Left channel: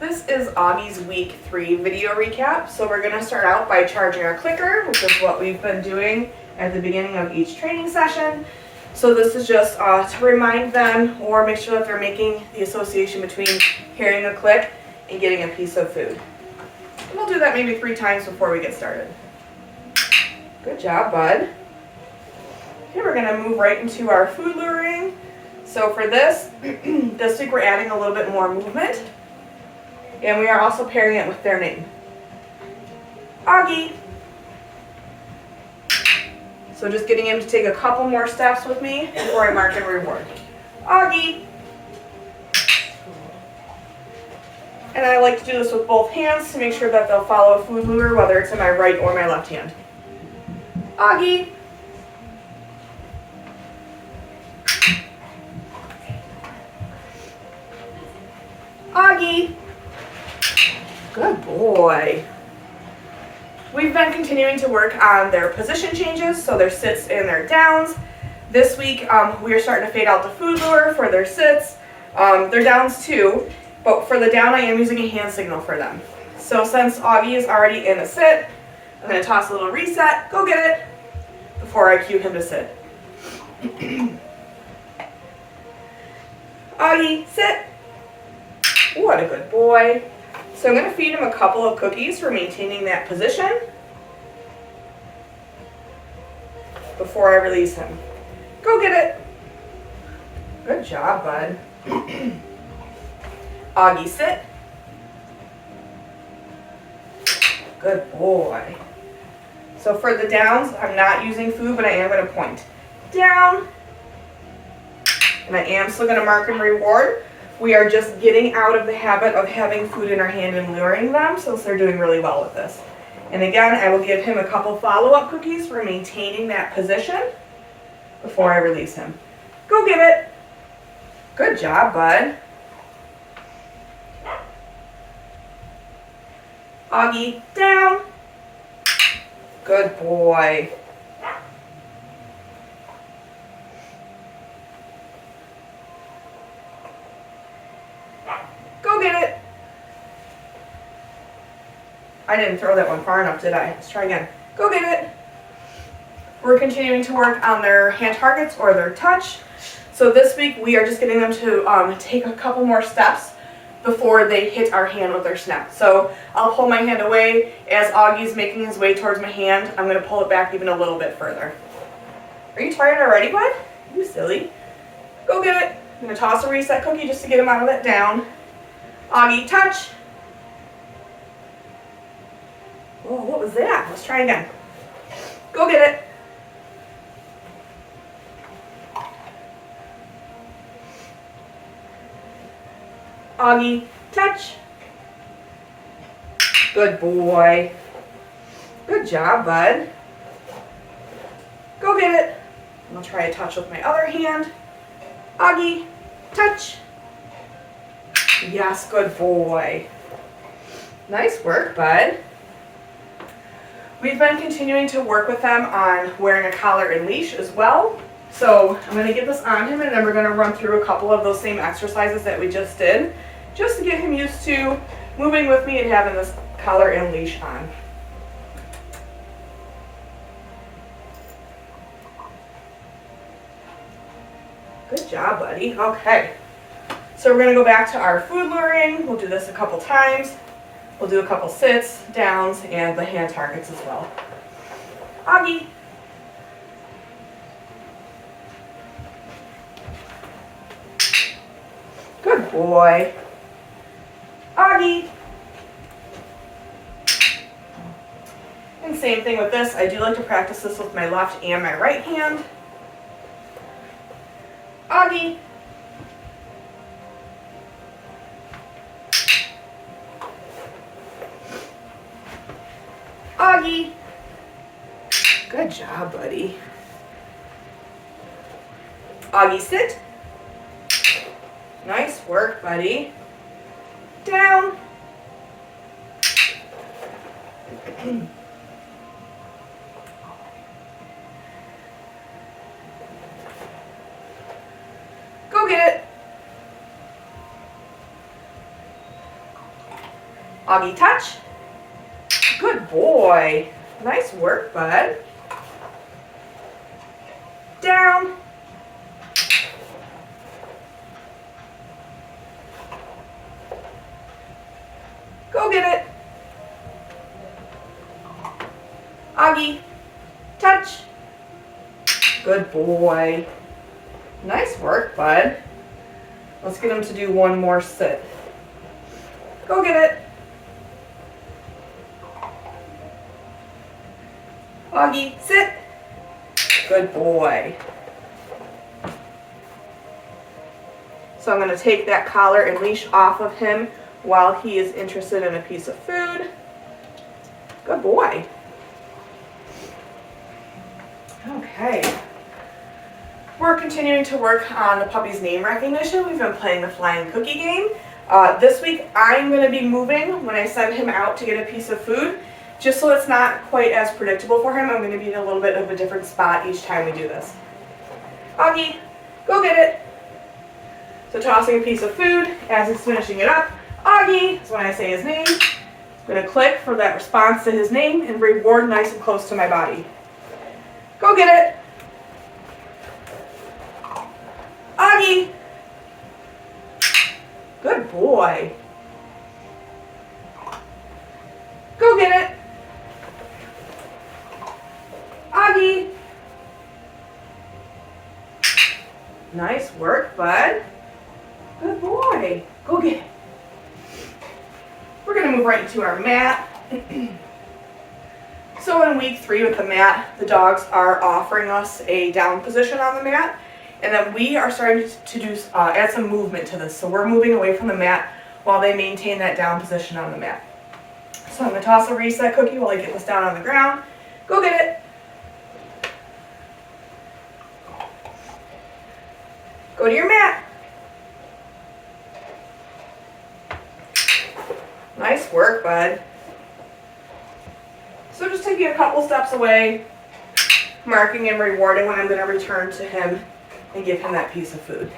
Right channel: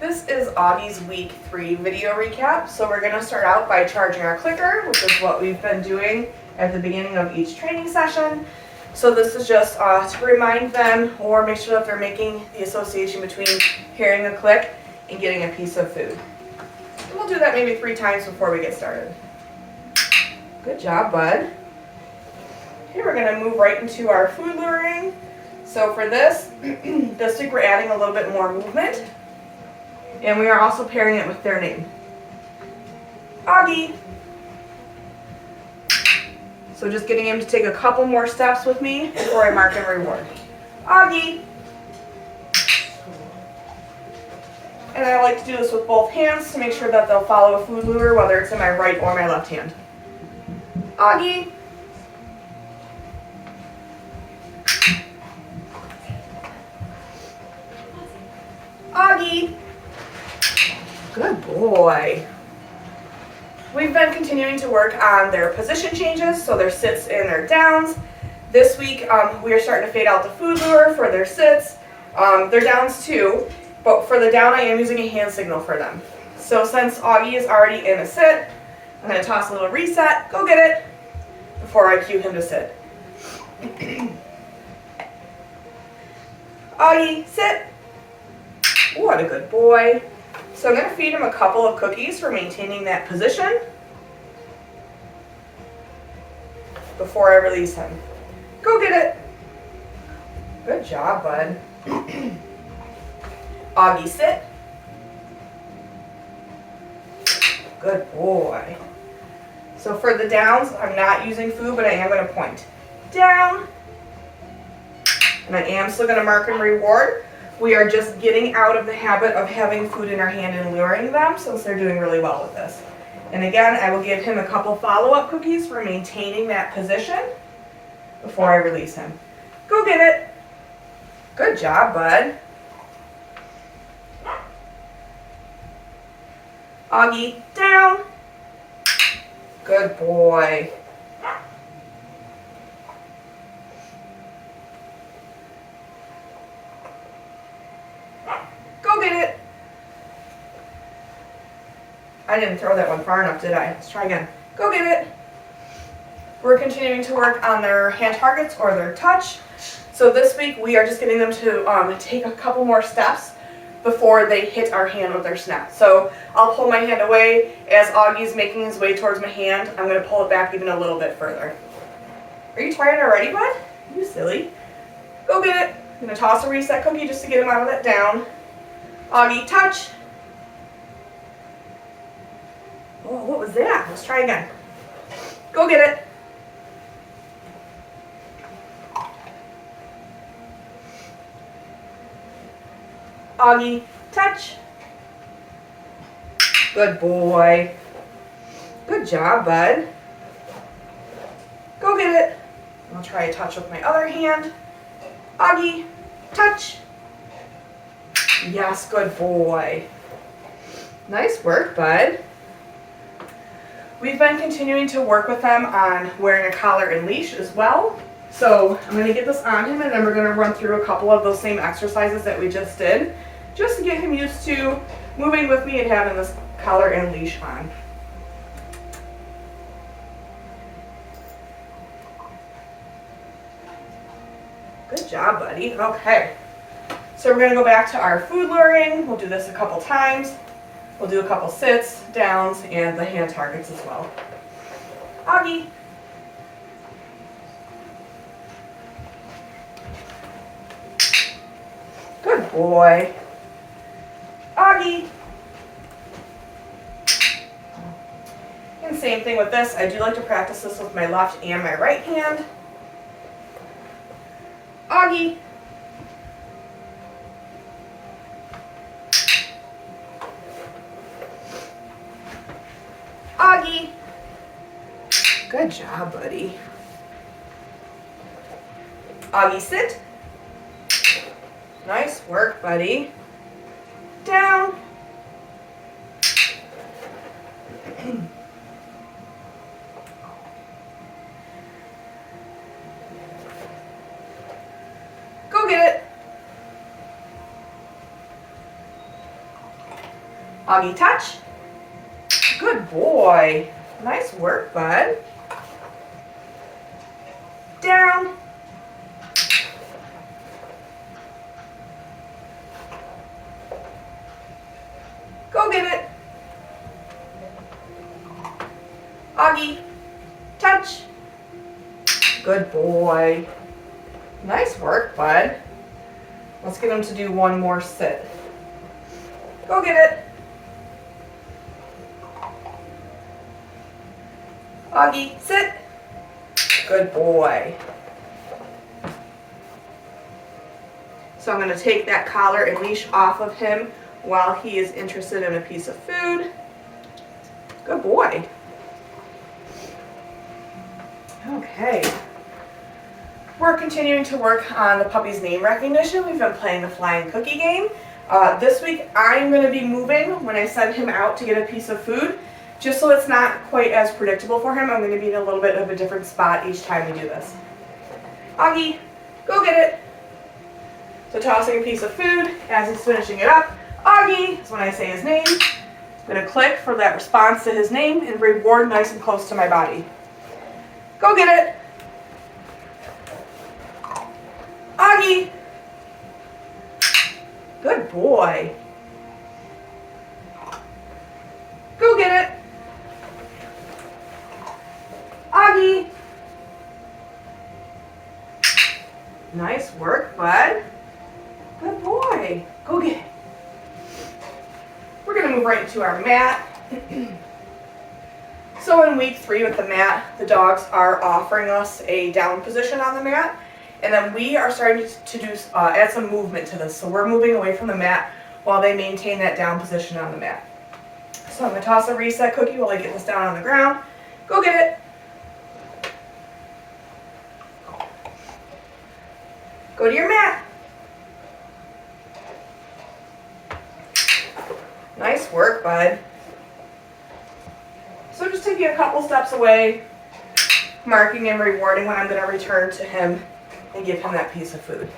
This is Augie's week 3 video recap. So we're going to start out by charging our clicker, which is what we've been doing at the beginning of each training session. So this is just to remind them or make sure that they're making the association between hearing a click and getting a piece of food. And we'll do that maybe 3 times before we get started. Good job, bud. Okay, we're going to move right into our food luring. So for this week we're adding a little bit more movement. And we are also pairing it with their name. Augie. So just getting him to take a couple more steps with me before I mark and reward. Augie. And I like to do this with both hands to make sure that they'll follow a food lure, whether it's in my right or my left hand. Augie. Augie. Good boy. We've been continuing to work on their position changes, so their sits and their downs. This week we are starting to fade out the food lure for their sits, their downs too, but for the down I am using a hand signal for them. So since Augie is already in a sit, I'm going to toss a little reset, go get it, before I cue him to sit. Augie, sit. What a good boy. So I'm going to feed him a couple of cookies for maintaining that position before I release him. Go get it. Good job, bud. Augie, sit. Good boy. So for the downs, I'm not using food, but I am going to point down. And I am still going to mark and reward. We are just getting out of the habit of having food in our hand and luring them, since they're doing really well with this. And again, I will give him a couple follow-up cookies for maintaining that position before I release him. Go get it. Good job, bud. Augie, down. Good boy. Go get it. I didn't throw that one far enough, did I? Let's try again. Go get it. We're continuing to work on their hand targets or their touch. So this week we are just getting them to take a couple more steps before they hit our hand with their snap. So I'll pull my hand away. As Augie's making his way towards my hand, I'm going to pull it back even a little bit further. Are you tired already, bud? You silly. Go get it. I'm going to toss a reset cookie just to get him out of that down. Augie, touch. Oh, what was that? Let's try again. Go get it. Augie, touch. Good boy. Good job, bud. Go get it. I'll try a touch with my other hand. Augie, touch. Yes, good boy. Nice work, bud. We've been continuing to work with them on wearing a collar and leash as well. So I'm going to get this on him, and then we're going to run through a couple of those same exercises that we just did, just to get him used to moving with me and having this collar and leash on. Good job, buddy. Okay. So we're going to go back to our food luring. We'll do this a couple times. We'll do a couple sits, downs, and the hand targets as well. Augie. Good boy. Augie. And same thing with this. I do like to practice this with my left and my right hand. Augie. Augie. Good job, buddy. Augie, sit. Nice work, buddy. Down. Go get it. Augie, touch. Good boy. Nice work, bud. Down. Go get it. Augie, touch. Good boy. Nice work, bud. Let's get him to do one more sit. Go get it. Augie, sit. Good boy. So I'm going to take that collar and leash off of him while he is interested in a piece of food. Good boy. Okay. We're continuing to work on the puppy's name recognition. We've been playing the flying cookie game. This week I'm going to be moving when I send him out to get a piece of food. Just so it's not quite as predictable for him, I'm going to be in a little bit of a different spot each time we do this. Augie, go get it. So tossing a piece of food as he's finishing it up. Augie is when I say his name. I'm going to click for that response to his name and reward nice and close to my body. Go get it. Augie. Good boy. Go get it. Augie. Nice work, bud. Good boy. Go get it. We're going to move right into our mat. So in week 3 with the mat, the dogs are offering us a down position on the mat. And then we are starting to do add some movement to this. So we're moving away from the mat while they maintain that down position on the mat. So I'm going to toss a reset cookie while I get this down on the ground. Go get it. Go to your mat. Nice work, bud. So just taking a couple steps away, marking and rewarding when I'm going to return to him and give him that piece of food.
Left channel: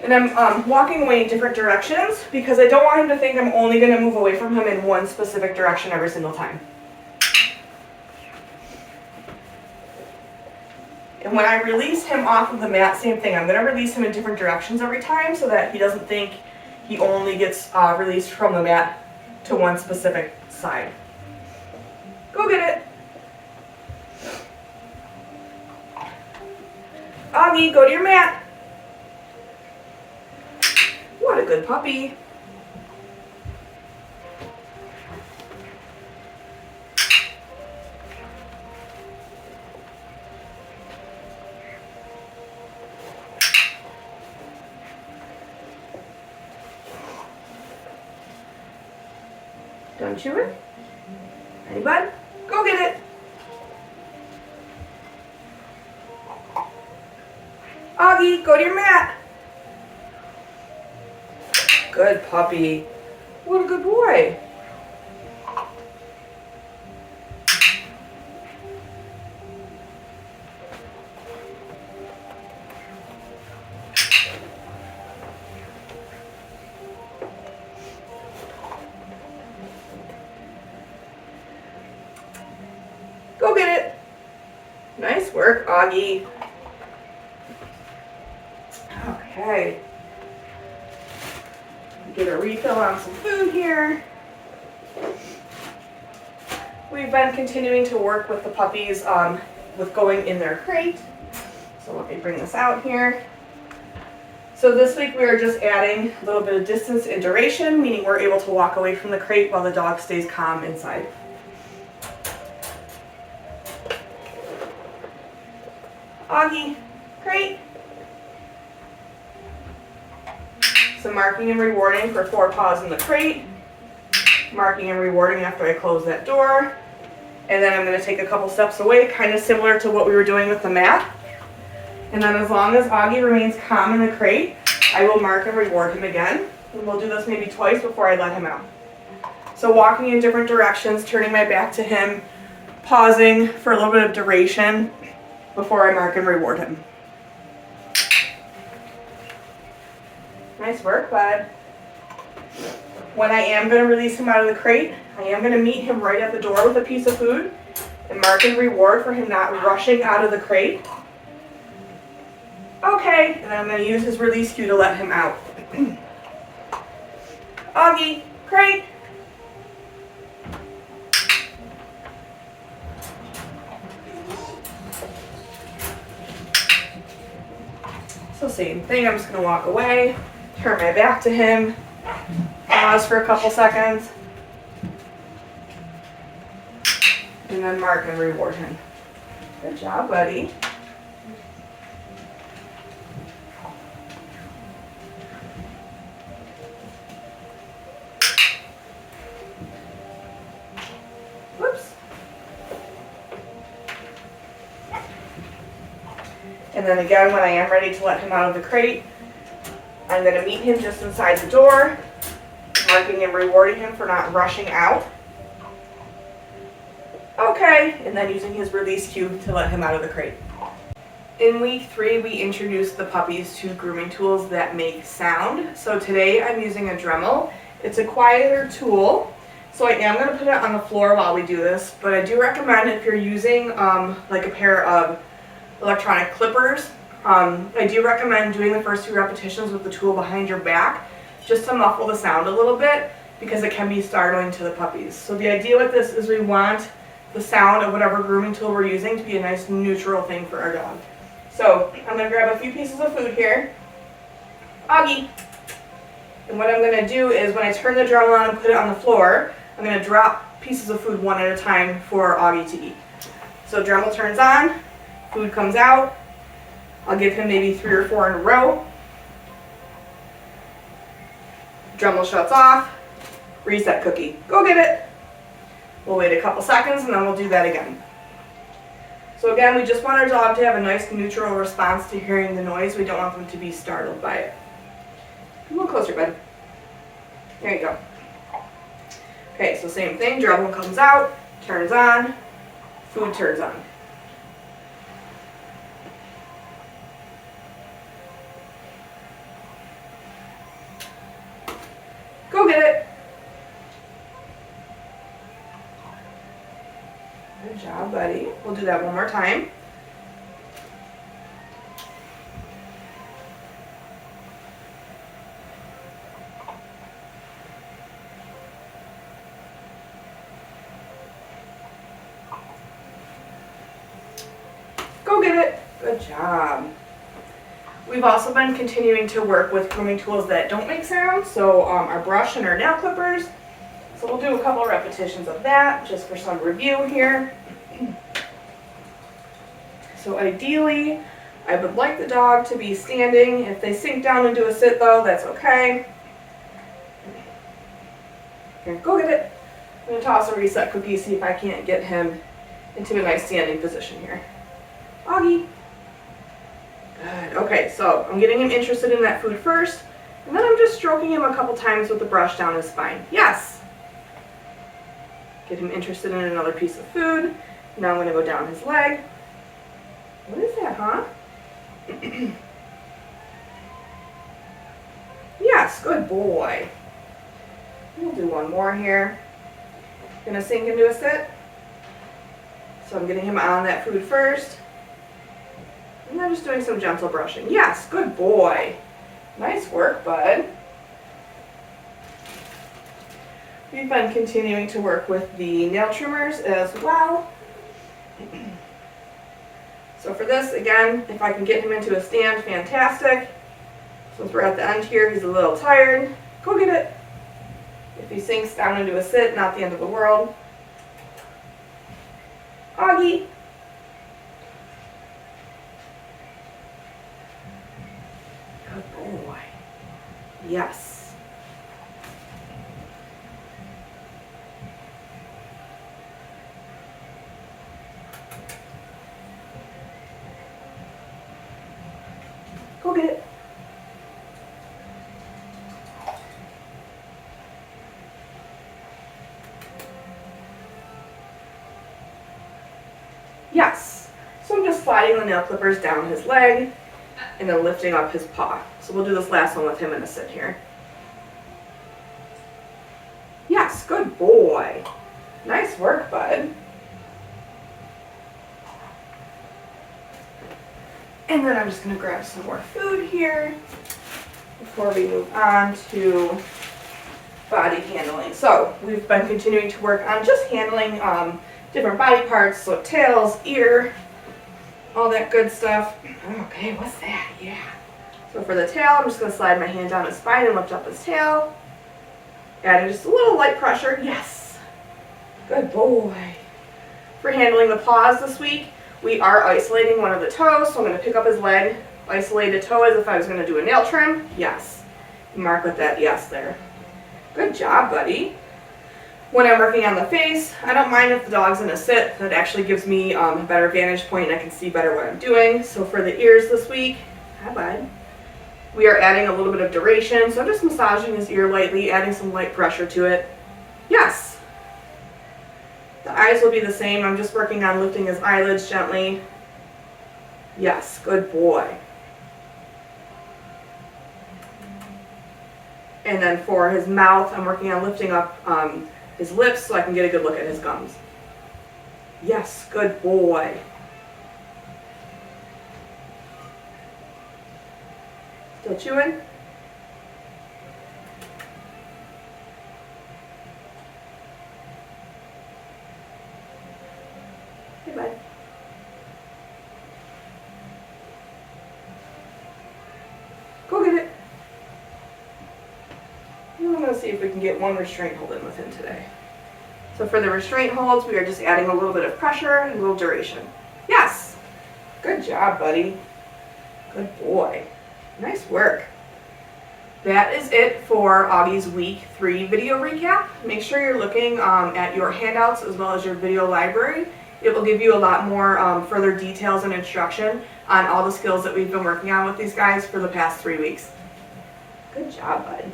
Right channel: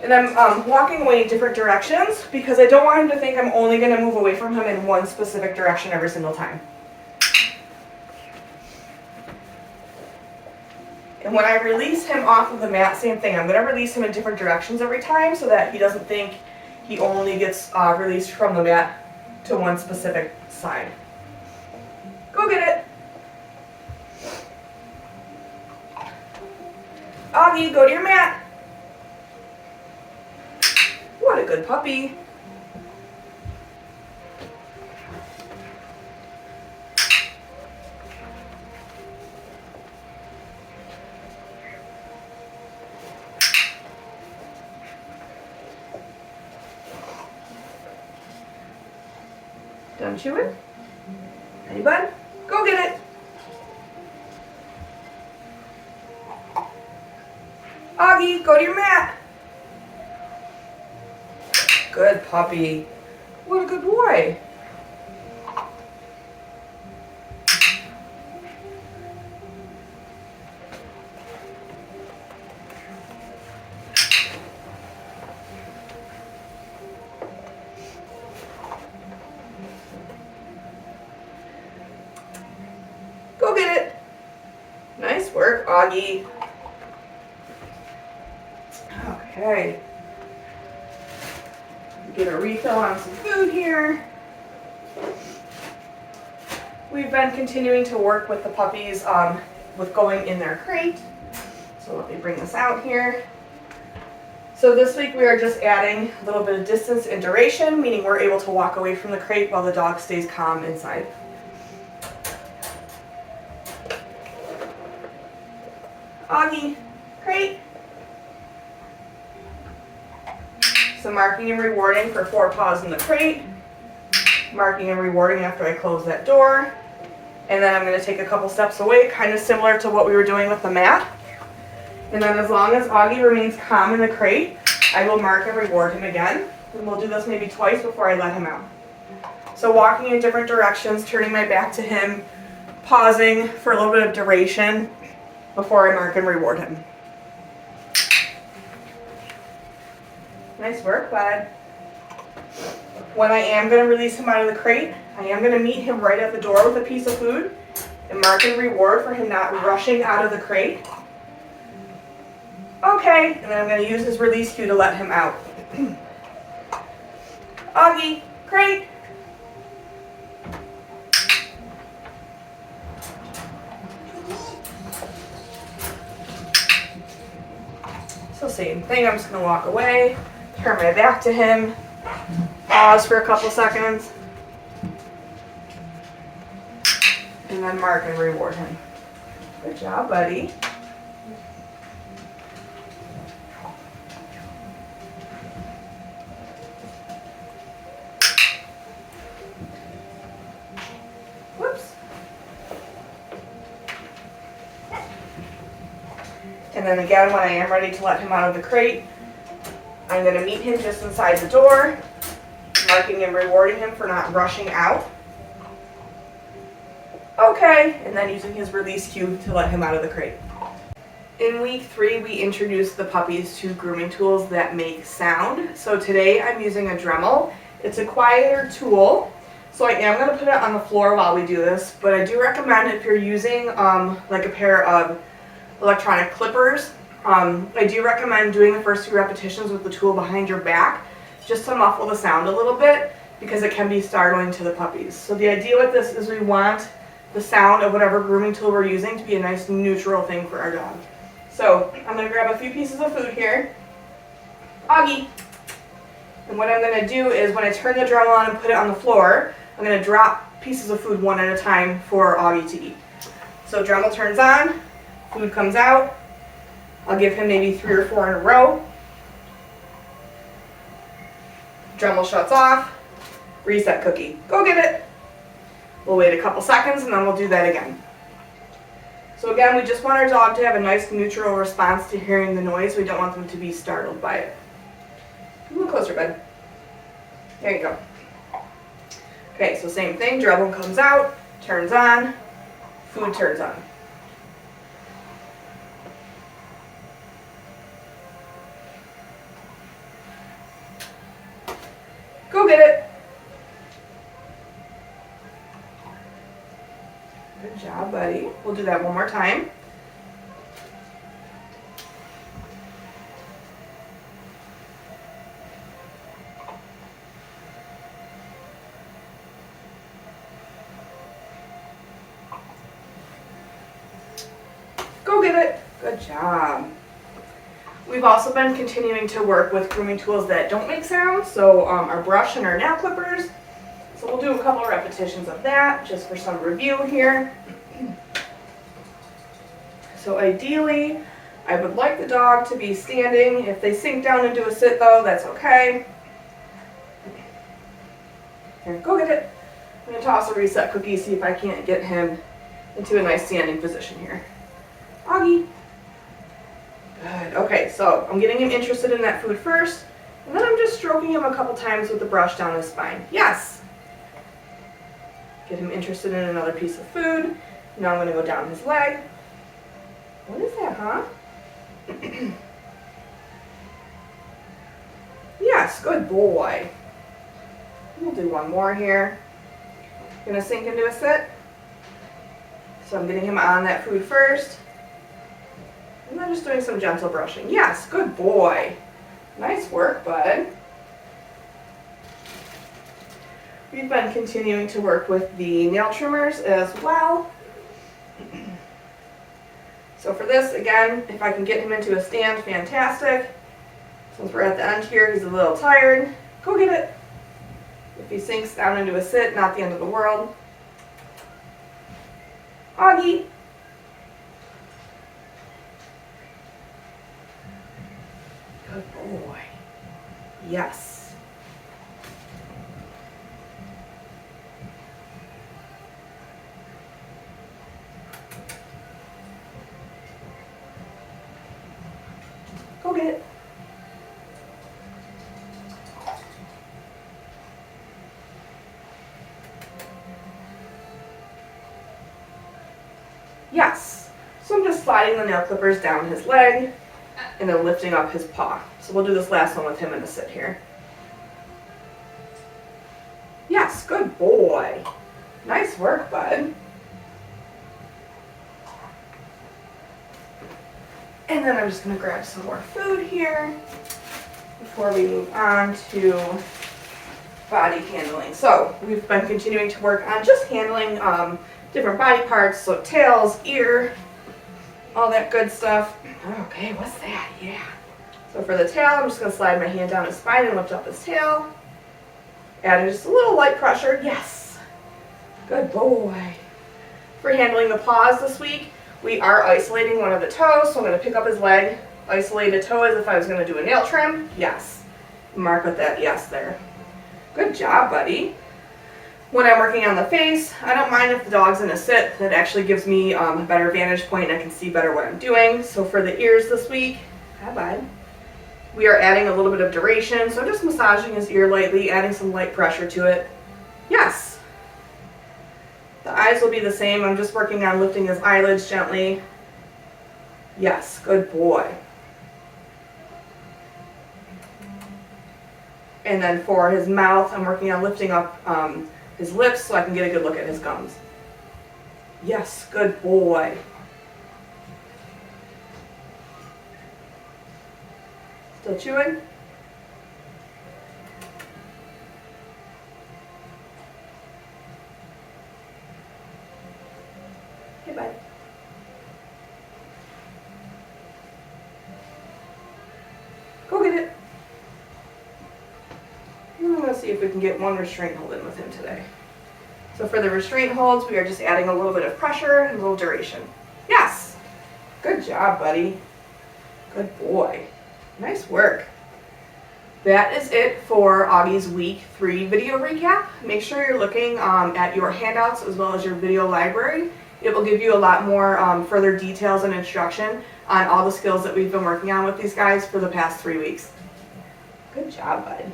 And I'm walking away in different directions because I don't want him to think I'm only going to move away from him in one specific direction every single time. And when I release him off of the mat, same thing. I'm going to release him in different directions every time so that he doesn't think he only gets released from the mat to one specific side. Go get it. Augie, go to your mat. What a good puppy. Done chewing? Ready, bud? Go get it. Augie, go to your mat. Good puppy. What a good boy. Go get it. Nice work, Augie. Okay. Get a refill on some food here. We've been continuing to work with the puppies with going in their crate. So let me bring this out here. So this week we are just adding a little bit of distance and duration, meaning we're able to walk away from the crate while the dog stays calm inside. Augie, crate. So marking and rewarding for 4 paws in the crate. Marking and rewarding after I close that door. And then I'm going to take a couple steps away, kind of similar to what we were doing with the mat. And then as long as Augie remains calm in the crate, I will mark and reward him again. And we'll do this maybe twice before I let him out. So walking in different directions, turning my back to him, pausing for a little bit of duration before I mark and reward him. Nice work, bud. When I am going to release him out of the crate, I am going to meet him right at the door with a piece of food and mark and reward for him not rushing out of the crate. Okay, and then I'm going to use his release cue to let him out. Augie, crate. So same thing, I'm just going to walk away, turn my back to him, pause for a couple seconds, and then mark and reward him. Good job, buddy. Whoops. And then again, when I am ready to let him out of the crate, I'm going to meet him just inside the door, marking and rewarding him for not rushing out. Okay, and then using his release cue to let him out of the crate. In week 3, we introduced the puppies to grooming tools that make sound. So today I'm using a Dremel. It's a quieter tool, so I am going to put it on the floor while we do this, but I do recommend if you're using like a pair of electronic clippers, I do recommend doing the first 2 repetitions with the tool behind your back just to muffle the sound a little bit because it can be startling to the puppies. So the idea with this is we want the sound of whatever grooming tool we're using to be a nice neutral thing for our dog. So I'm going to grab a few pieces of food here. Augie. And what I'm going to do is when I turn the Dremel on and put it on the floor, I'm going to drop pieces of food one at a time for Augie to eat. So Dremel turns on, food comes out. I'll give him maybe 3 or 4 in a row. Dremel shuts off. Reset cookie. Go get it. We'll wait a couple seconds and then we'll do that again. So again, we just want our dog to have a nice neutral response to hearing the noise. We don't want them to be startled by it. A little closer, bud. There you go. Okay, so same thing. Dremel comes out, turns on, food turns on. Go get it. Good job, buddy. We'll do that one more time. Go get it. Good job. We've also been continuing to work with grooming tools that don't make sound, so our brush and our nail clippers. So we'll do a couple repetitions of that just for some review here. So ideally, I would like the dog to be standing. If they sink down and do a sit though, that's okay. Here, go get it. I'm going to toss a reset cookie, see if I can't get him into a nice standing position here. Augie. Good. Okay, so I'm getting him interested in that food first, and then I'm just stroking him a couple times with the brush down his spine. Yes. Get him interested in another piece of food. Now I'm going to go down his leg. What is that, huh? Yes, good boy. We'll do one more here. Gonna sink into a sit. So I'm getting him on that food first. And then just doing some gentle brushing. Yes, good boy. Nice work, bud. We've been continuing to work with the nail trimmers as well. So for this, again, if I can get him into a stand, fantastic. Since we're at the end here, he's a little tired. Go get it. If he sinks down into a sit, not the end of the world. Augie. Good boy. Yes. Go get it. Yes. So I'm just sliding the nail clippers down his leg and then lifting up his paw. So we'll do this last one with him in a sit here. good boy. Nice work, bud. And then I'm just gonna grab some more food here before we move on to body handling. So we've been continuing to work on just handling different body parts, so tails, ear, all that good stuff. Okay, what's that? Yeah. So for the tail, I'm just gonna slide my hand down his spine and lift up his tail. Adding just a little light pressure. Yes. Good boy. For handling the paws this week, we are isolating one of the toes, so I'm going to pick up his leg, isolate a toe as if I was going to do a nail trim. Yes. Mark with that yes there. Good job, buddy. When I'm working on the face, I don't mind if the dog's in a sit. That actually gives me a better vantage point and I can see better what I'm doing. So for the ears this week, hi bud, we are adding a little bit of duration. So I'm just massaging his ear lightly, adding some light pressure to it. Yes. The eyes will be the same. I'm just working on lifting his eyelids gently. Yes, good boy. And then for his mouth, I'm working on lifting up his lips so I can get a good look at his gums. Yes, good boy. Still chewing? Hey, bud. Go get it. And I'm going to see if we can get one restraint hold in with him today. So for the restraint holds, we are just adding a little bit of pressure and a little duration. Yes. Good job, buddy. Good boy. Nice work. That is it for Augie's week 3 video recap. Make sure you're looking at your handouts as well as your video library. It will give you a lot more further details and instruction on all the skills that we've been working on with these guys for the past 3 weeks. Good job, bud.